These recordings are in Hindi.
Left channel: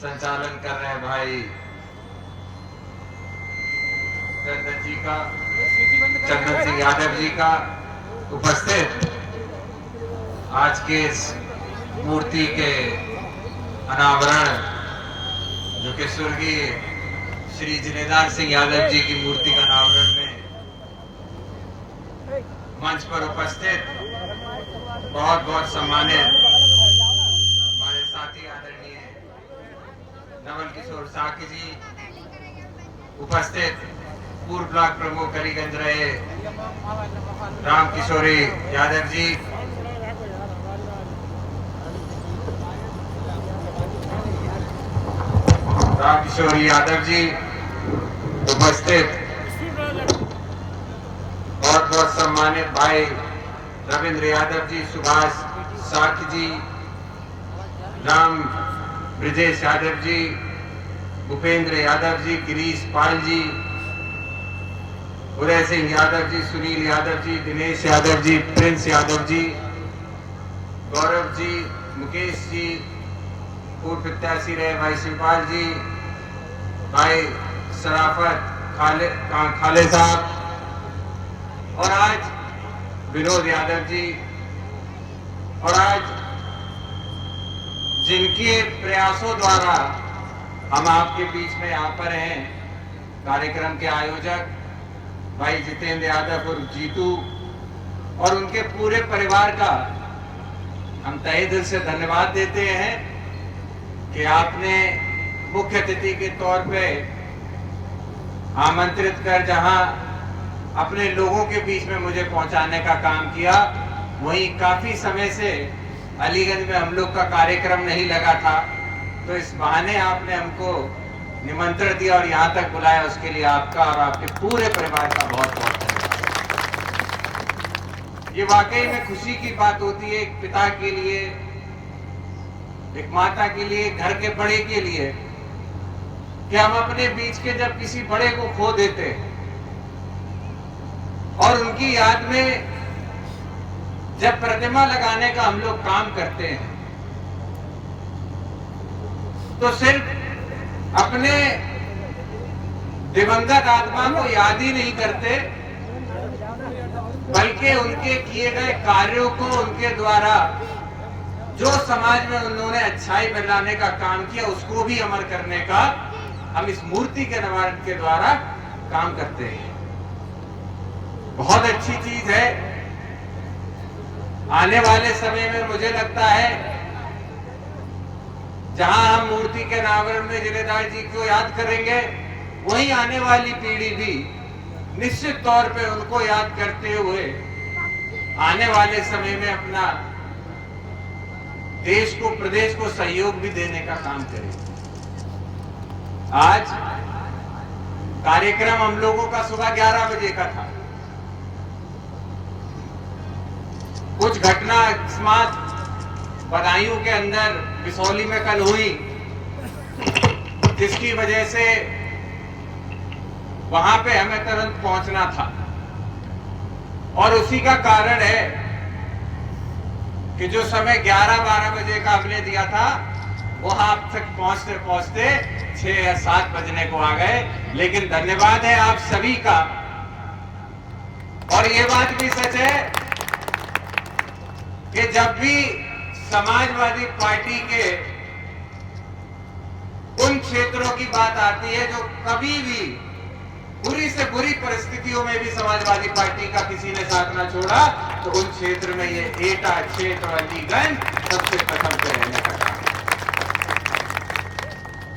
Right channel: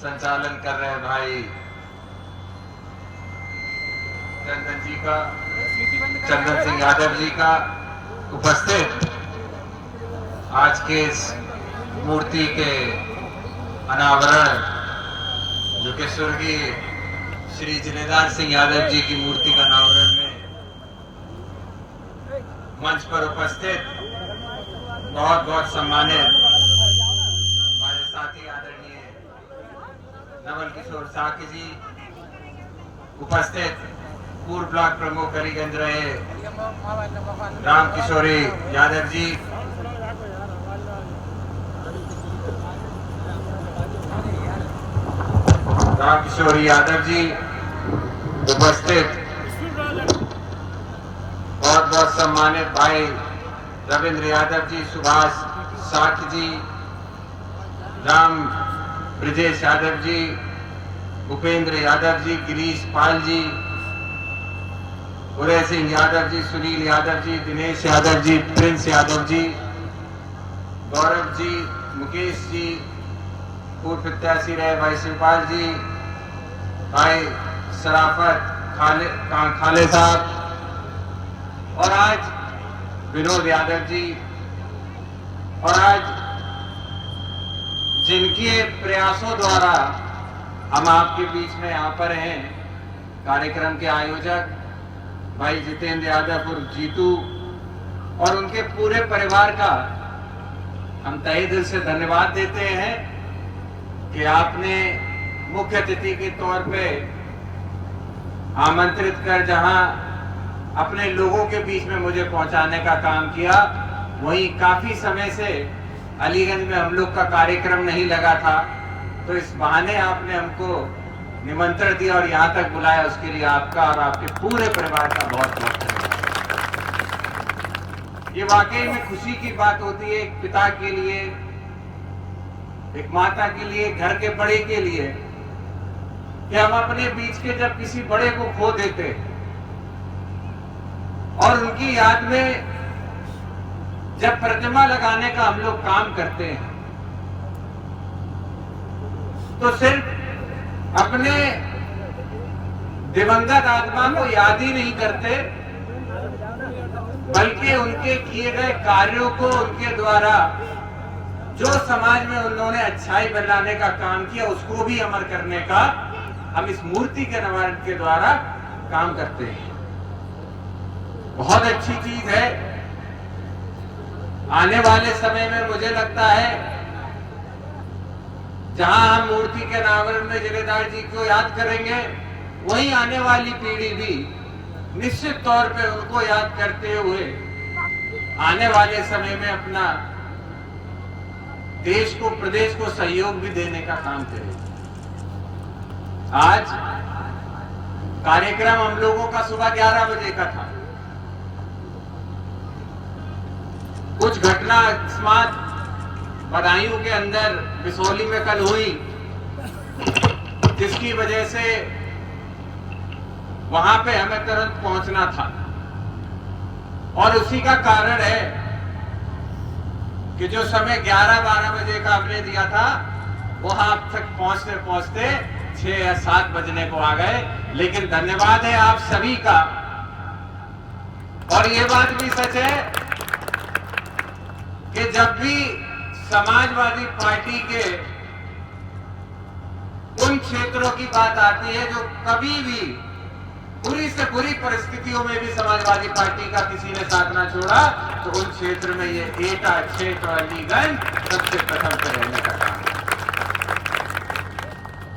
संचालन कर रहे हैं भाई चंदन सिंह यादव जी का उपस्थित आज के इस मूर्ति के अनावरण जो कि स्वर्गीय श्री जिनेदार सिंह यादव जी की मूर्ति का अनावरण में मंच पर उपस्थित बहुत बहुत सम्मानित हमारे साथी आदरणीय नवल किशोर साकी जी, उपस्थित पूर्व ब्लॉक प्रमुख अलीगंज रहे राम किशोरी यादव जी, उपस्थित बहुत बहुत सम्मानित भाई रविंद्र यादव जी, सुभाष साख जी, राम ब्रिजेश यादव जी, भूपेंद्र यादव जी, गिरीश पाल जी, उदय सिंह यादव जी, सुनील यादव जी, दिनेश यादव जी, प्रिंस यादव जी, गौरव जी, मुकेश जी, पूर्व प्रत्याशी रहे भाई शिवपाल जी, भाई सराफत खाले साहब और आज विनोद यादव जी, और आज जिनके प्रयासों द्वारा हम आपके बीच में यहाँ पर हैं, कार्यक्रम के आयोजक भाई जितेंद्र यादव और जीतू और उनके पूरे परिवार का हम तहे दिल से धन्यवाद देते हैं कि आपने मुख्य अतिथि के तौर पे आमंत्रित कर जहां अपने लोगों के बीच में मुझे पहुंचाने का काम किया, वहीं काफी समय से अलीगंज में हम लोग का कार्यक्रम नहीं लगा था, तो इस बहाने आपने हमको निमंत्रण दिया और यहाँ तक बुलाया, उसके लिए आपका और आपके पूरे परिवार का बहुत बहुत धन्यवाद। ये वाकई में खुशी की बात होती है एक पिता के लिए, एक माता के लिए, घर के बड़े के लिए, कि हम अपने बीच के जब किसी बड़े को खो देते और उनकी याद में जब प्रतिमा लगाने का हम लोग काम करते हैं, तो सिर्फ अपने दिवंगत आत्मा को याद ही नहीं करते, बल्कि उनके किए गए कार्यों को, उनके द्वारा जो समाज में उन्होंने अच्छाई बनाने का काम किया, उसको भी अमर करने का हम इस मूर्ति के निर्माण के द्वारा काम करते हैं। बहुत अच्छी चीज है। आने वाले समय में मुझे लगता है जहां हम मूर्ति के अनावरण में जिनेदार जी को याद करेंगे, वहीं आने वाली पीढ़ी भी निश्चित तौर पे उनको याद करते हुए आने वाले समय में अपना देश को, प्रदेश को सहयोग भी देने का काम करेंगे। आज कार्यक्रम हम लोगों का सुबह 11 बजे का था। कुछ घटना अकस्मात बदायूं के अंदर बिसौली में कल हुई, जिसकी वजह से वहां पे हमें तुरंत पहुंचना था, और उसी का कारण है कि जो समय 11-12 बजे का हमने दिया था, वहां तक पहुंचते पहुंचते 6 या 7 बजने को आ गए। लेकिन धन्यवाद है आप सभी का। और ये बात भी सच है कि जब भी समाजवादी पार्टी के उन क्षेत्रों की बात आती है जो कभी भी बुरी से बुरी परिस्थितियों में भी समाजवादी पार्टी का किसी ने साथ ना छोड़ा, तो उन क्षेत्र में ये एटा क्षेत्र और अलीगंज सबसे प्रथम पे रहने का काम।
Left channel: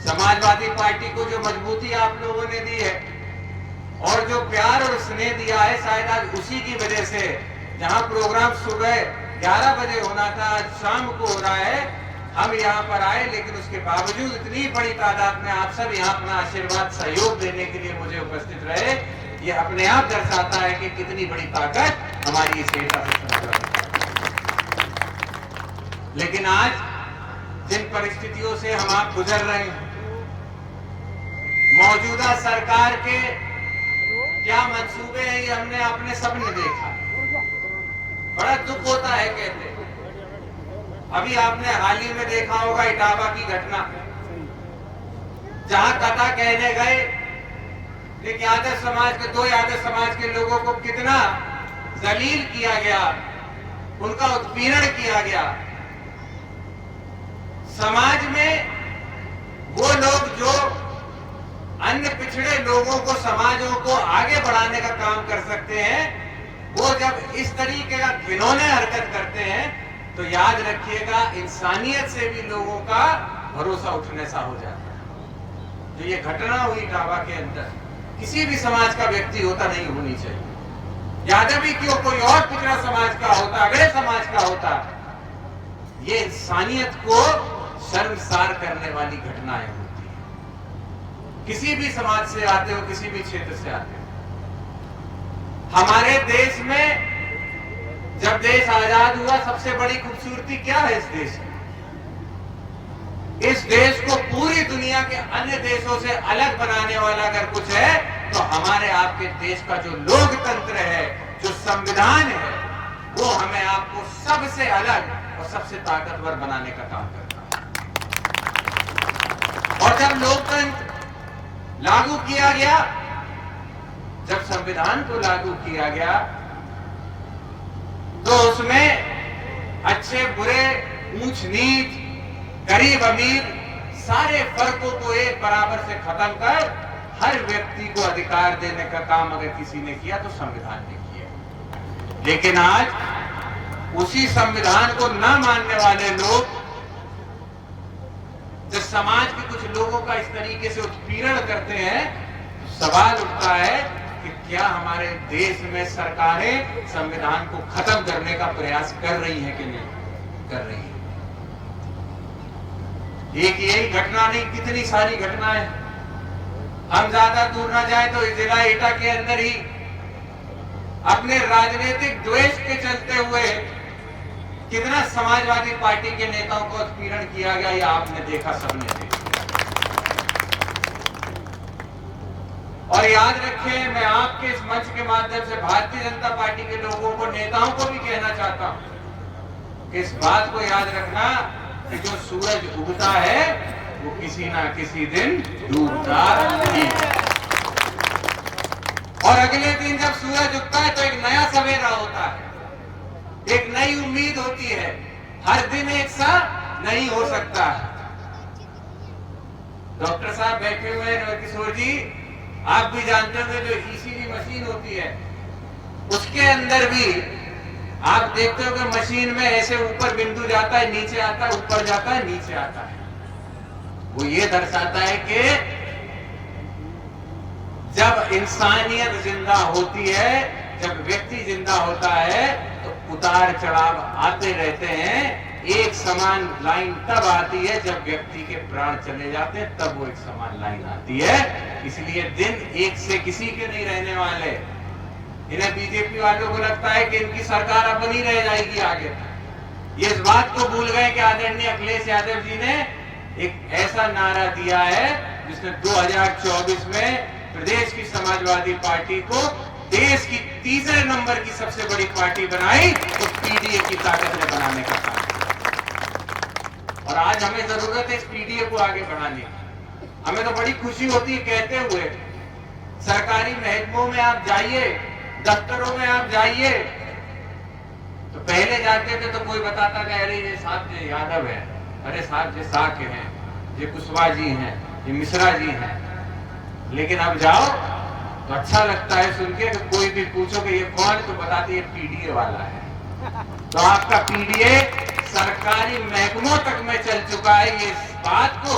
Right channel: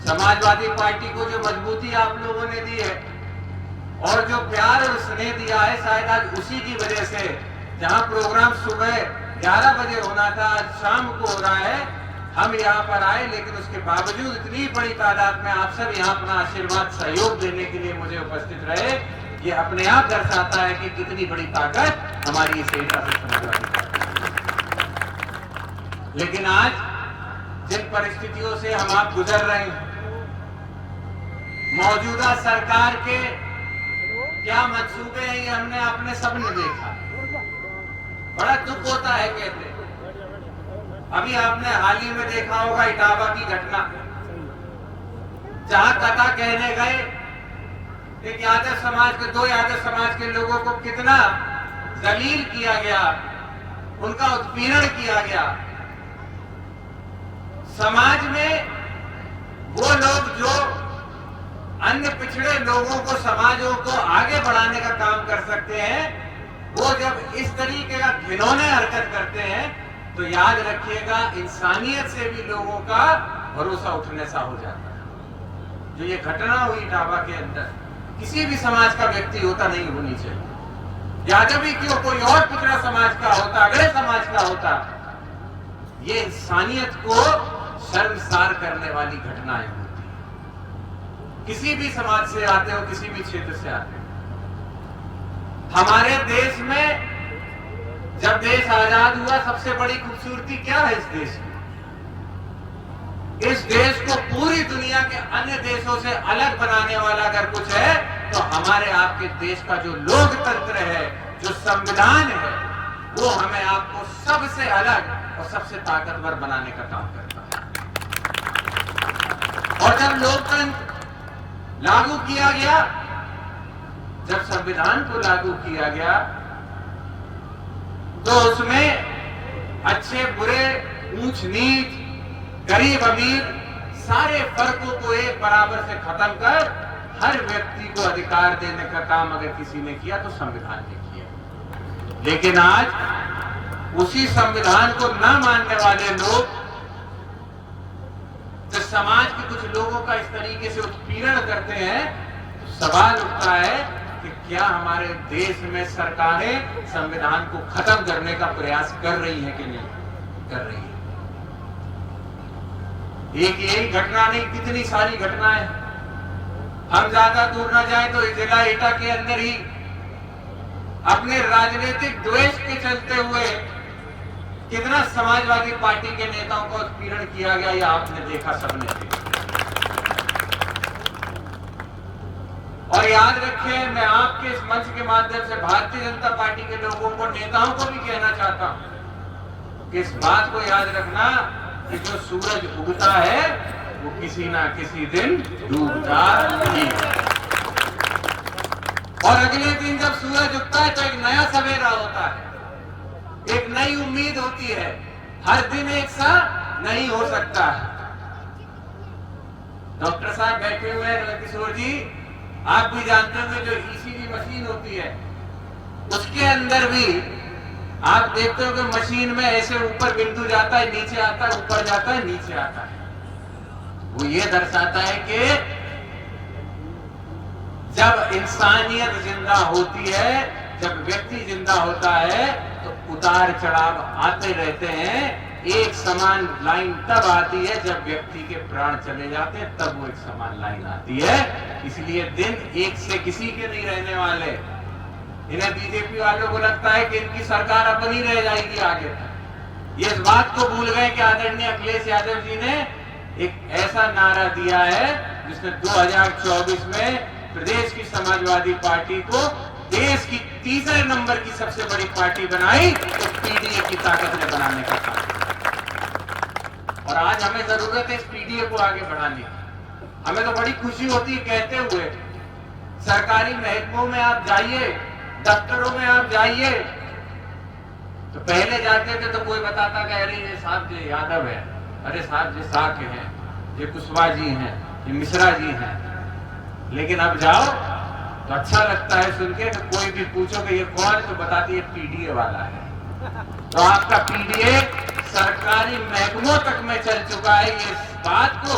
समाजवादी पार्टी को जो मजबूती आप लोगों ने दी है और जो प्यार और स्नेह दिया है, शायद आज उसी की वजह से जहां प्रोग्राम सुबह 11 बजे होना था, आज शाम को हो रहा है। हम यहाँ पर आए, लेकिन उसके बावजूद इतनी बड़ी तादाद में आप सब यहाँ अपना आशीर्वाद, सहयोग देने के लिए मुझे उपस्थित रहे। ये अपने आप दर्शाता है कि कितनी बड़ी ताकत हमारी इस एकता से समाजवादी। लेकिन आज जिन परिस्थितियों से हम आप गुजर रहे हैं, मौजूदा सरकार के क्या मंसूबे हैं, ये हमने अपने सबने देखा। बड़ा दुख होता है। कहते अभी आपने हाल ही में देखा होगा इटावा की घटना, जहां कथा कहने गए, एक यादव समाज के, दो यादव समाज के लोगों को कितना जलील किया गया, उनका उत्पीड़न किया गया। समाज में वो लोग जो अन्य पिछड़े लोगों को, समाजों को आगे बढ़ाने का काम कर सकते हैं, वो जब इस तरीके का घिनौने हरकत करते हैं तो याद रखिएगा इंसानियत से भी लोगों का भरोसा उठने सा हो जाता है। जो ये घटना हुई डाबा के अंदर, किसी भी समाज का व्यक्ति होता नहीं होनी चाहिए, यादवी क्यों, कोई और पिछड़ा समाज का होता, अगले समाज का होता, ये इंसानियत को शर्मसार करने वाली घटनाएं होती है। किसी भी समाज से आते हो, किसी भी क्षेत्र से आते हो। हमारे देश में जब देश आजाद हुआ, सबसे बड़ी खूबसूरती क्या है इस देश की? इस देश को पूरी दुनिया के अन्य देशों से अलग बनाने वाला अगर कुछ है तो हमारे आपके देश का जो लोकतंत्र है, जो संविधान है, वो हमें आपको सबसे अलग और सबसे ताकतवर बनाने का काम करता है। और जब लोकतंत्र लागू किया गया, जब संविधान को लागू किया गया, तो उसमें अच्छे बुरे, ऊंच नीच, गरीब अमीर, सारे फर्कों को एक बराबर से खत्म कर हर व्यक्ति को अधिकार देने का काम अगर किसी ने किया तो संविधान ने किया। लेकिन आज उसी संविधान को न मानने वाले लोग, जब समाज के कुछ लोगों का इस तरीके से उत्पीड़न करते हैं, तो सवाल उठता है कि क्या हमारे देश में सरकारें संविधान को खत्म करने का प्रयास कर रही हैं कि नहीं कर रही है? एक यही घटना नहीं, कितनी सारी घटनाएं। हम ज्यादा दूर न जाए तो जिला एटा के अंदर ही अपने राजनीतिक द्वेष के चलते हुए कितना समाजवादी पार्टी के नेताओं को उत्पीड़न किया गया, ये आपने देखा, सबने देखा। और याद रखें, मैं आपके इस मंच के माध्यम से भारतीय जनता पार्टी के लोगों को, नेताओं को भी कहना चाहता हूं कि इस बात को याद रखना कि जो सूरज उगता है वो किसी ना किसी दिन डूबता ही है। और अगले दिन जब सूरज उगता है तो एक नया सवेरा होता है, एक नई उम्मीद होती है। हर दिन एक सा नहीं हो सकता है। डॉक्टर साहब बैठे हुए हैं, किशोर जी, आप भी जानते होंगे जो ईसीजी मशीन होती है, उसके अंदर भी आप देखते हो कि मशीन में ऐसे ऊपर बिंदु जाता है, नीचे आता है, ऊपर जाता है, नीचे आता है। वो ये दर्शाता है कि जब इंसानियत जिंदा होती है, जब व्यक्ति जिंदा होता है, तो उतार चढ़ाव आते रहते हैं। एक समान लाइन तब आती है जब व्यक्ति के प्राण चले जाते हैं, तब वो एक समान लाइन आती है। इसलिए दिन एक से किसी के नहीं रहने वाले। इन्हें बीजेपी वालों को लगता है कि इनकी सरकार अपनी रह जाएगी आगे तक। ये इस बात को भूल गए कि आदरणीय अखिलेश यादव जी ने एक ऐसा नारा दिया है जिसने 2024 में प्रदेश की समाजवादी पार्टी को देश की तीसरे नंबर की सबसे बड़ी पार्टी बनाई, तो पीडीए की ताकत ने बनाने का काम किया। और आज हमें जरूरत है इस पीडीए को आगे बढ़ाने की। हमें तो बड़ी खुशी होती है कहते हुए, सरकारी महकमों में आप जाइए, दफ्तरों में आप जाइए, तो पहले जाते थे तो कोई बताता कि अरे ये साहब जी यादव है, अरे साहब जी साक हैं, ये कुशवाहा जी हैं, ये मिश्रा जी हैं। लेकिन अब जाओ तो अच्छा लगता है सुन के कि कोई भी पूछो कि ये कौन है तो बताते ये पीडीए वाला है। तो आपका पीडीए सरकारी महकमों तक में चल चुका है। ये इस बात को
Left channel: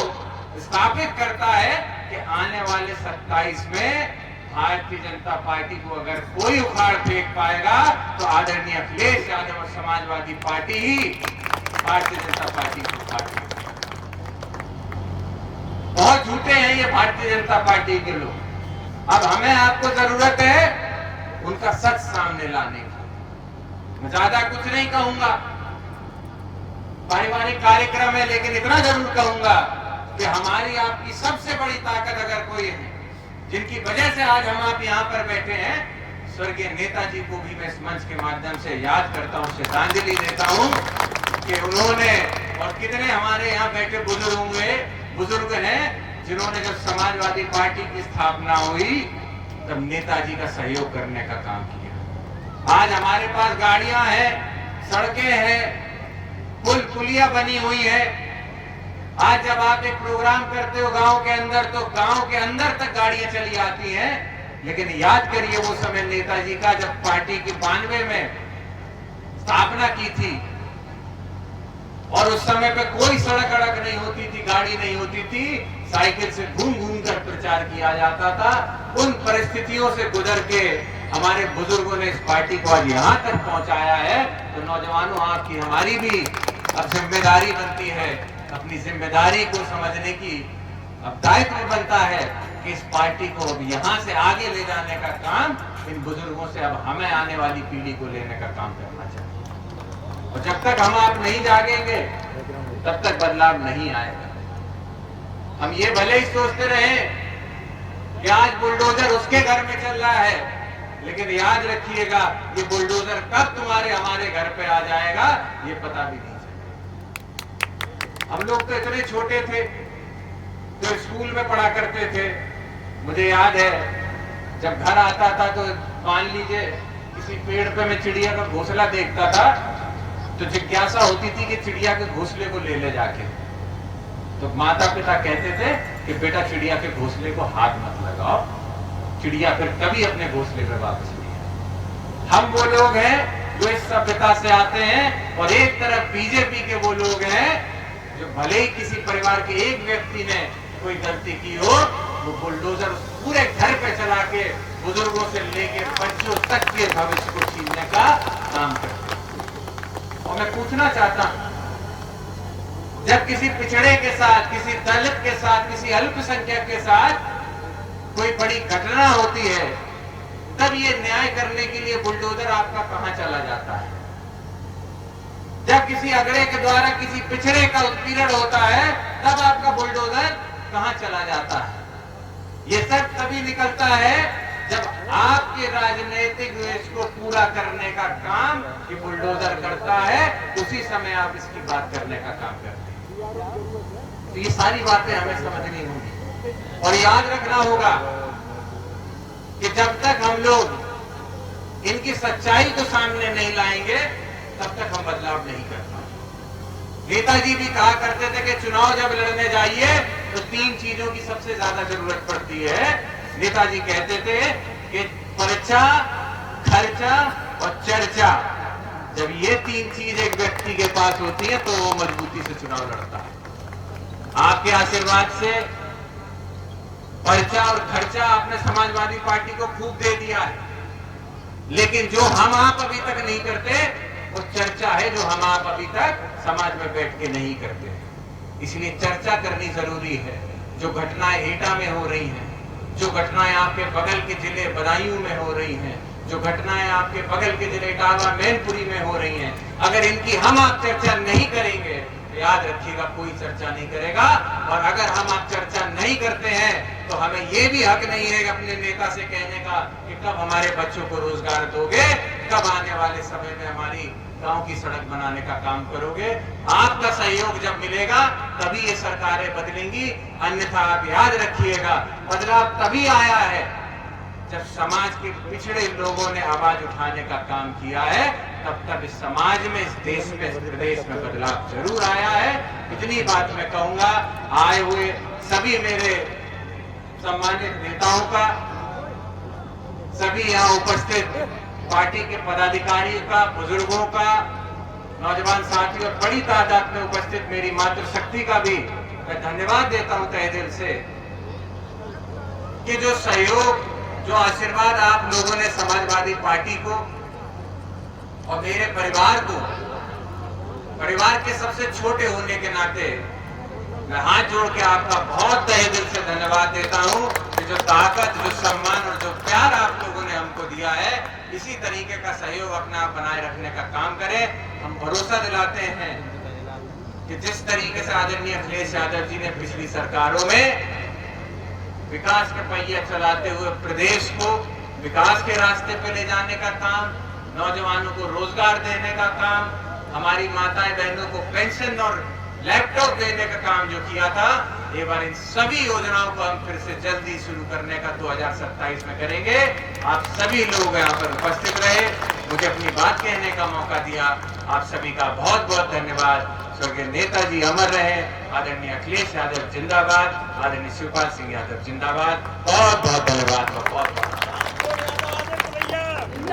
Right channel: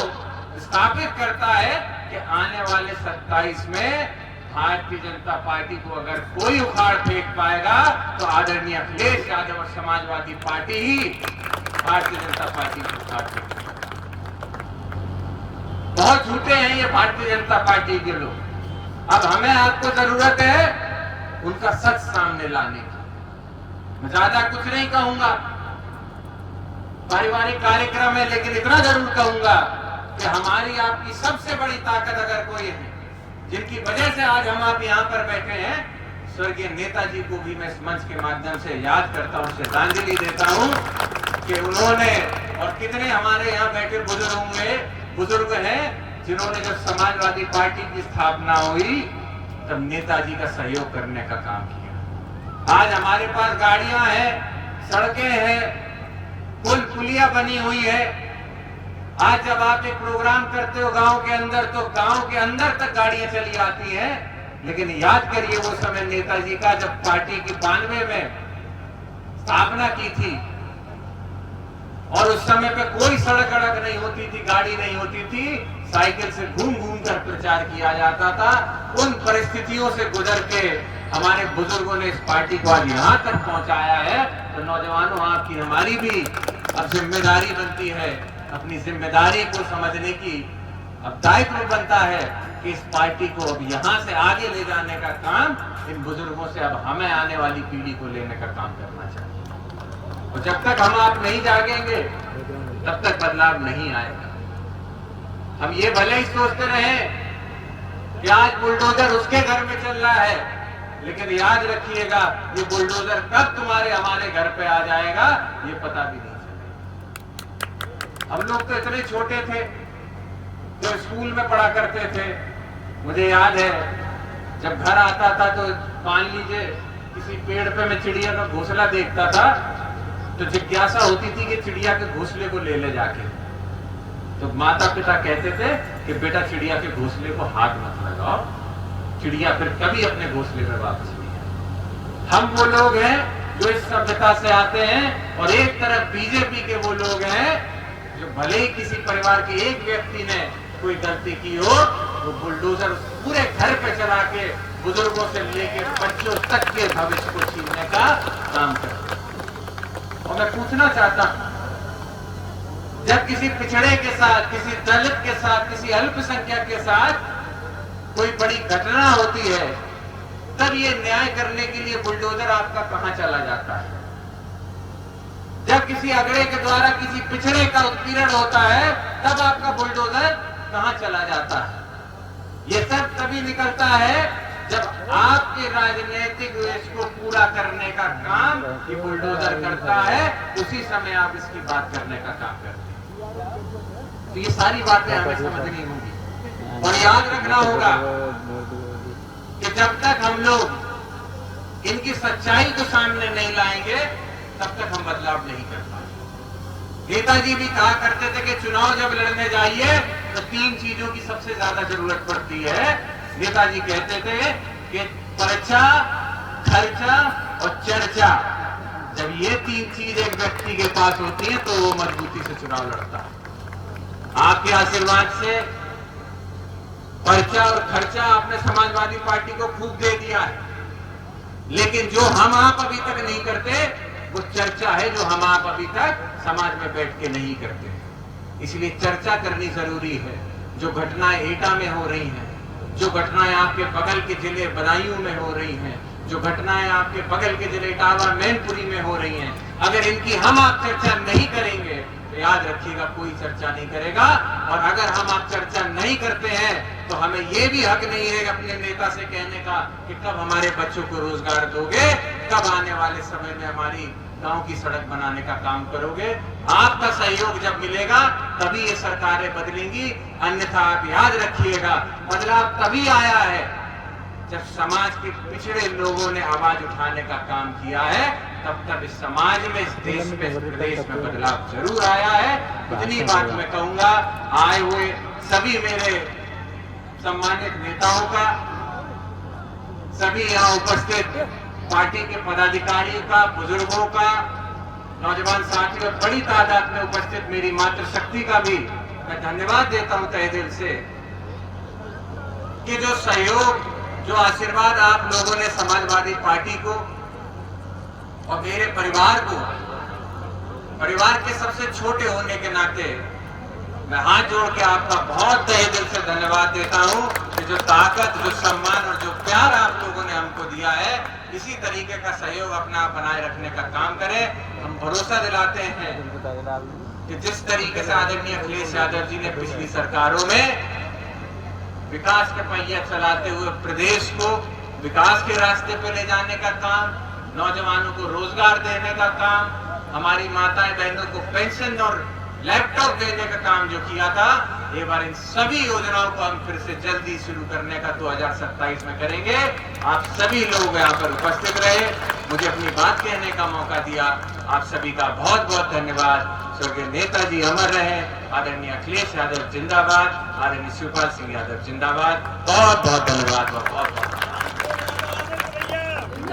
स्थापित करता है कि आने वाले 27 में भारतीय जनता पार्टी को अगर कोई उखाड़ फेंक पाएगा तो आदरणीय अखिलेश यादव और समाजवादी पार्टी ही भारतीय जनता पार्टी को उखाड़ फेंकेगी। बहुत झूठे हैं ये भारतीय जनता पार्टी के लोग। अब हमें आपको जरूरत है उनका सच सामने लाने की। मैं ज्यादा कुछ नहीं कहूंगा, पारिवारिक कार्यक्रम है, लेकिन इतना जरूर कहूंगा कि हमारी आपकी सबसे बड़ी ताकत अगर कोई है, जिनकी वजह से आज हम आप यहाँ पर बैठे हैं, स्वर्गीय नेताजी को भी मैं इस मंच के माध्यम से याद करता हूँ, श्रद्धांजलि देता हूँ कि उन्होंने, और कितने हमारे यहाँ बैठे बुजुर्ग हैं जिन्होंने जब समाजवादी पार्टी की स्थापना हुई तब नेताजी का सहयोग करने का काम किया। आज हमारे पास गाड़ियां हैं, सड़कें हैं, पुल पुलिया बनी हुई है। आज जब आप एक प्रोग्राम करते हो गांव के अंदर, तो गांव के अंदर तक गाड़ियां चली आती हैं। लेकिन याद करिए वो समय नेताजी का, जब पार्टी की 92 में स्थापना की थी और उस समय पे कोई सड़क अड़क नहीं होती थी, गाड़ी नहीं होती थी, साइकिल से घूम घूम कर प्रचार किया जाता था। उन परिस्थितियों से गुजर के हमारे बुजुर्गों ने इस पार्टी को आज यहाँ तक पहुंचाया है। तो नौजवानों, आपकी हमारी भी अब जिम्मेदारी बनती है, अपनी जिम्मेदारी को समझने की अब दायित्व बनता है कि इस पार्टी को अब यहाँ से आगे ले जाने का काम इन बुजुर्गों से अब हमें आने वाली पीढ़ी को लेने का काम करना चाहिए। और जब तक हम आप नहीं जागेंगे तब तक बदलाव नहीं आएगा। हम ये भले ही सोचते रहे कि आज बुलडोजर उसके घर में चल रहा है, लेकिन याद रखिएगा ये बुलडोजर कब तुम्हारे हमारे घर पे आ जाएगा ये पता भी नहीं चलेगा। हम लोग तो इतने छोटे थे तो स्कूल में पढ़ा करते थे। मुझे याद है जब घर आता था तो मान लीजिए किसी पेड़ पे मैं चिड़िया का घोंसला देखता था तो जिज्ञासा होती थी कि चिड़िया के घोंसले को ले जाके। तो माता पिता कहते थे कि बेटा चिड़िया के घोंसले को हाथ मत लगाओ, चिड़िया फिर कभी अपने घोंसले में वापस नहीं आए। हम वो लोग हैं जो इस सभ्यता से आते हैं और एक तरफ बीजेपी के वो लोग हैं जो भले ही किसी परिवार के एक व्यक्ति ने कोई गलती की हो, वो बुलडोजर पूरे घर पे चला के बुजुर्गों से लेके बच्चों तक के भविष्य को छीनने का काम करते हैं। और मैं पूछना चाहता हूं, जब किसी पिछड़े के साथ, किसी दलित के साथ, किसी अल्पसंख्यक के साथ कोई बड़ी घटना होती है, तब ये न्याय करने के लिए बुलडोजर आपका कहां चला जाता है? जब किसी अगड़े के द्वारा किसी पिछड़े का उत्पीड़न होता है तब आपका बुलडोजर कहां चला जाता है? ये सब तभी निकलता है जब आपके राजनीतिक द्वेष को पूरा करने का काम ये बुलडोजर करता है, उसी समय आप इसकी बात करने का काम करते हैं। तो ये सारी बातें हमें समझनी होंगी और याद रखना होगा कि जब तक हम लोग इनकी सच्चाई को सामने नहीं लाएंगे तब तक हम बदलाव नहीं कर पाएंगे। नेताजी भी कहा करते थे कि चुनाव जब लड़ने जाइए तो 3 चीजों की सबसे ज्यादा जरूरत पड़ती है। नेताजी कहते थे कि पर्चा, खर्चा और चर्चा, जब ये 3 चीज एक व्यक्ति के पास होती है तो वो मजबूती से चुनाव लड़ता है। आपके आशीर्वाद से पर्चा और खर्चा आपने समाजवादी पार्टी को खूब दे दिया है, लेकिन जो हम आप अभी तक नहीं करते वो चर्चा है, जो हम आप अभी तक समाज में बैठ के नहीं करते। इसलिए चर्चा करनी जरूरी है। जो घटनाएं एटा में हो रही हैं, जो घटनाएं आपके बगल के जिले बदायूं में हो रही हैं, जो घटनाएं आपके बगल के जिले इटावा मैनपुरी में हो रही हैं, अगर इनकी हम आप चर्चा नहीं करेंगे तो याद रखिएगा कोई चर्चा नहीं करेगा। और अगर हम आप चर्चा नहीं करते हैं तो हमें यह भी हक नहीं है अपने नेता से कहने का कि कब हमारे बच्चों को रोजगार दोगे, कब आने वाले समय में हमारी गांव की सड़क बनाने का काम करोगे। आपका सहयोग जब मिलेगा तभी ये सरकारें बदलेंगी, अन्यथा आप याद रखिएगा बदलाव तभी आया है जब समाज के पिछड़े लोगों ने आवाज उठाने का काम किया है। तब इस समाज में, इस देश में, इस प्रदेश में बदलाव जरूर आया है। इतनी बात मैं कहूंगा। आए हुए सभी मेरे सम्मानित नेताओं का, सभी यहाँ उपस्थित पार्टी के पदाधिकारियों का, बुजुर्गों का, नौजवान साथियों, बड़ी तादाद में उपस्थित मेरी मातृशक्ति का भी मैं धन्यवाद देता हूं तहे दिल से कि जो सहयोग, जो आशीर्वाद आप लोगों ने समाजवादी पार्टी को और मेरे परिवार को, परिवार के सबसे छोटे होने के नाते मैं हाथ जोड़ के आपका बहुत तहे दिल से धन्यवाद देता हूं कि जो ताकत, जो सम्मान और जो प्यार आप लोगों ने हमको दिया है, इसी तरीके का सहयोग अपना आप बनाए रखने का काम करें। हम भरोसा दिलाते हैं कि जिस तरीके से आदरणीय अखिलेश यादव जी ने पिछली सरकारों में विकास के पहिया चलाते हुए प्रदेश को विकास के रास्ते पे ले जाने का काम, नौजवानों को रोजगार देने का काम, हमारी माताएं बहनों को पेंशन और लैपटॉप देने का काम जो किया था, एक बार इन सभी योजनाओं को हम फिर से जल्दी शुरू करने का 2027 में करेंगे। आप सभी लोग यहाँ पर उपस्थित रहे, मुझे अपनी बात कहने का मौका दिया। आप सभी का बहुत बहुत धन्यवाद। स्वर्गीय नेताजी अमर रहे। आदरणीय अखिलेश यादव जिंदाबाद, आदरणीय शिवपाल सिंह यादव जिंदाबाद। बहुत बहुत धन्यवाद। बहुत बहुत